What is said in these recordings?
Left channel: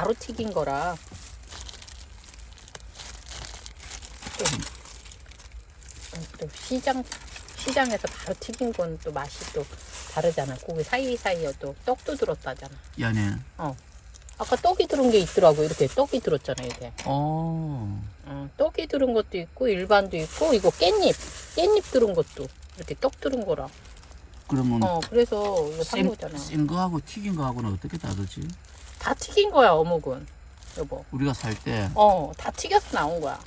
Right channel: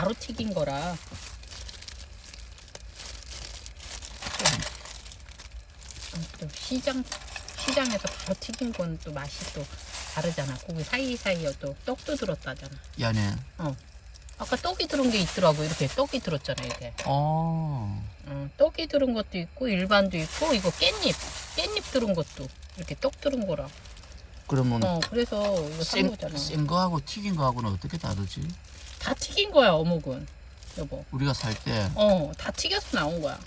바로 튀긴 거라. 또, 또 시장 시장에서 바로 튀긴 건 또 맛이 또 다르잖아. 고기 사이사이에 또 떡도 들었다잖아. 이 안에. 아까 떡이 들은 게 있더라고. 이렇게 떡이 들었잖아, 이게. 어. 어, 떡이 들은 것도 있고 일반도 있고 이거 깻잎, 깻잎 들은 것도 이렇게 떡 들은 거라. 그러면 어, 그래서 이거 산 생, 거잖아. 센 거하고 튀긴 거하고는 어떻게 다르지? 다 튀긴 거야, 어묵은. 여보. 우리가 살 때. 어, 다 튀겨서 나온 거야.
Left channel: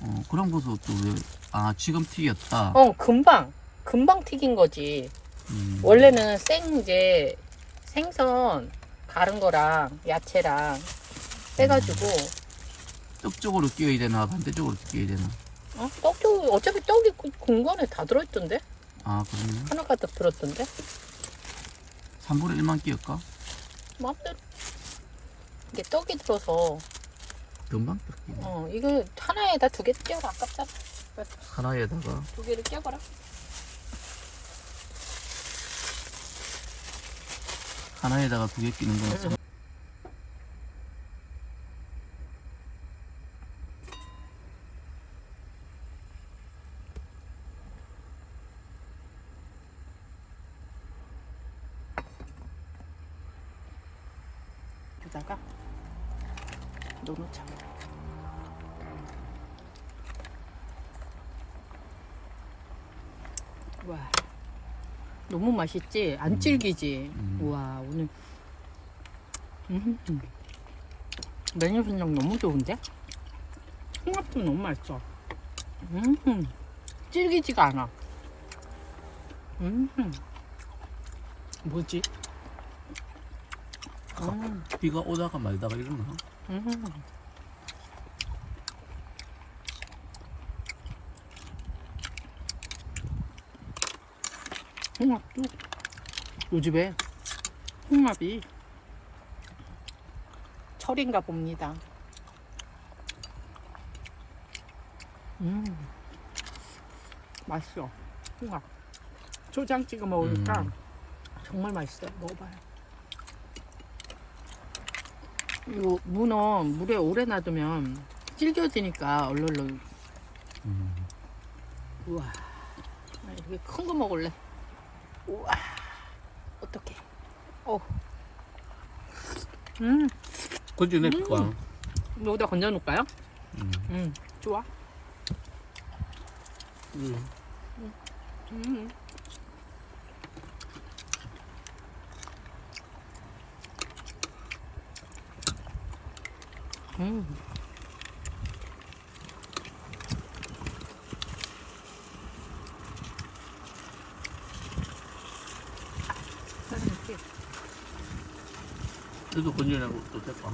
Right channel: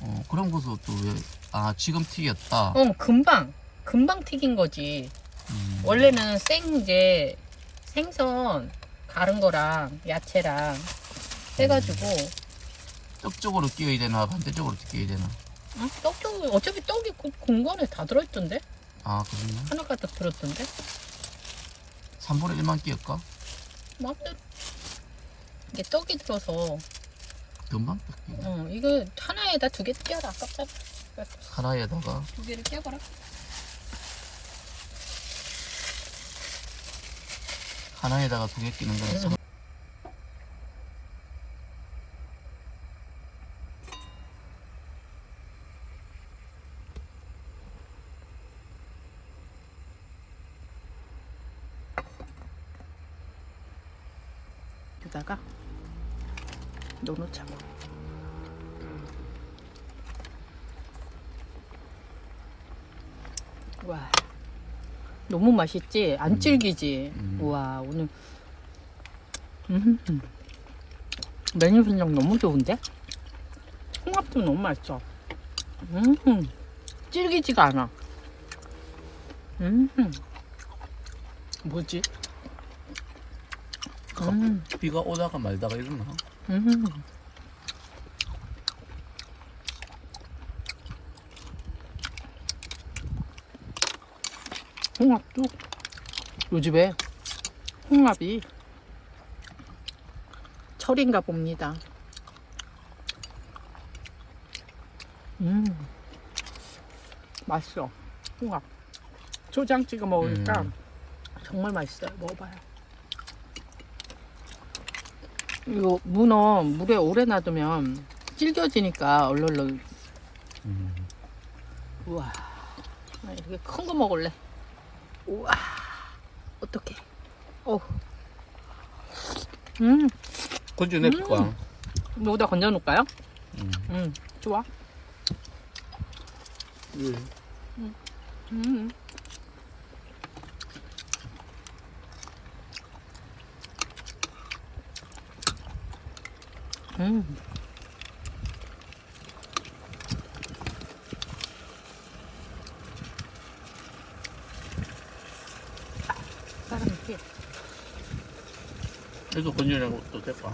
어, 그런 것도 또 왜, 아, 지금 튀겼다. 어, 금방. 금방 튀긴 거지. 음. 원래는 생 이제 생선 가른 거랑 야채랑 해가지고 떡 쪽으로 끼워야 되나, 반대쪽으로 끼워야 되나? 어? 떡도 어차피 떡이 그 공간에 다 들어있던데 아, 그러네. 하나가 딱 들었던데 3분의 1만 끼울까? 마음대로 이게 떡이 들어서. 금방 떡 끼워. 어 이거 하나에다 두개 띄어라 아깝잖아 하나에다가? 두 개를 띄어봐라. 하나에다가 두 개 끼는 거는 참- 여기다가 넣어놓자 와 너무 맛있지? 안 음. 질기지? 음. 우와 오늘 음. 메뉴 선정 너무 좋은데? 홍합도 너무 맛있어 음. 질기지가 않아 음. 뭐지? 음. 비가 오다가 말다가 이러나? 음. 홍합도 요즘에 홍합이 철인가 봅니다. 음, 맛있어. 홍합. 초장 찍어 먹으니까 음. 정말 맛있어요. 먹어봐요. 이거 문어 물에 오래 놔두면 질겨지니까 얼얼얼 음. 우와 나 이렇게 큰 거 먹을래 우와 어떡해 어. 음 건져 낼까? 여기다 건져 놓을까요? 음. 음 좋아 음. 음. 음. 사람 이렇게 그래도 건져 내고 또 될까?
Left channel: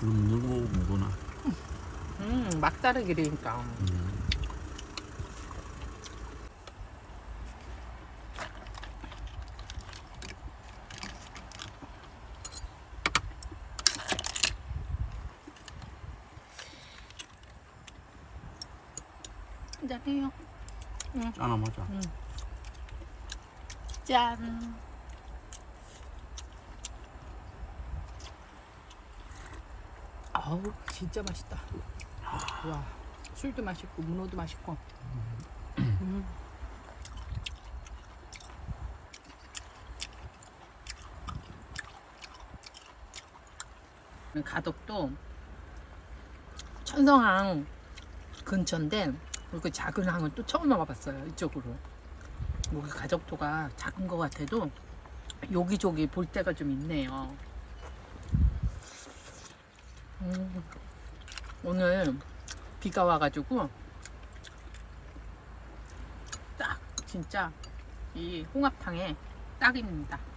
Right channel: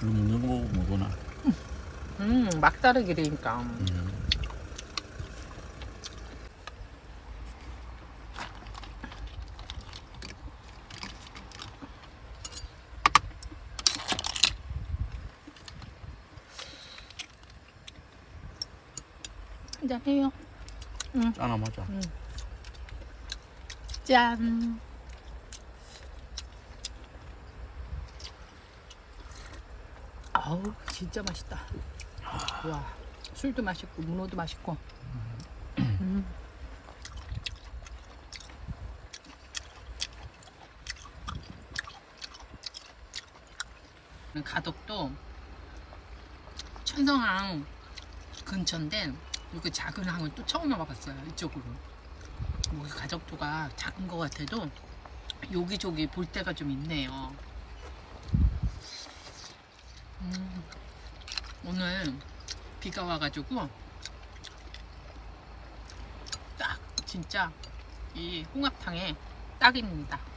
그럼 먹는 거 보고 못 오나? 음 막다르기니까 음. 한잔 해요 짠아 맞아. 짠. 아우 진짜 맛있다. 와 술도 맛있고 문어도 맛있고. 음. 가덕도 천성항 근처인데 그 작은 항은 또 처음 와봤어요 이쪽으로. 여기 가족도가 작은 것 같아도 여기저기 볼 데가 좀 있네요. 음, 오늘 비가 와가지고 딱 진짜 이 홍합탕에 딱입니다.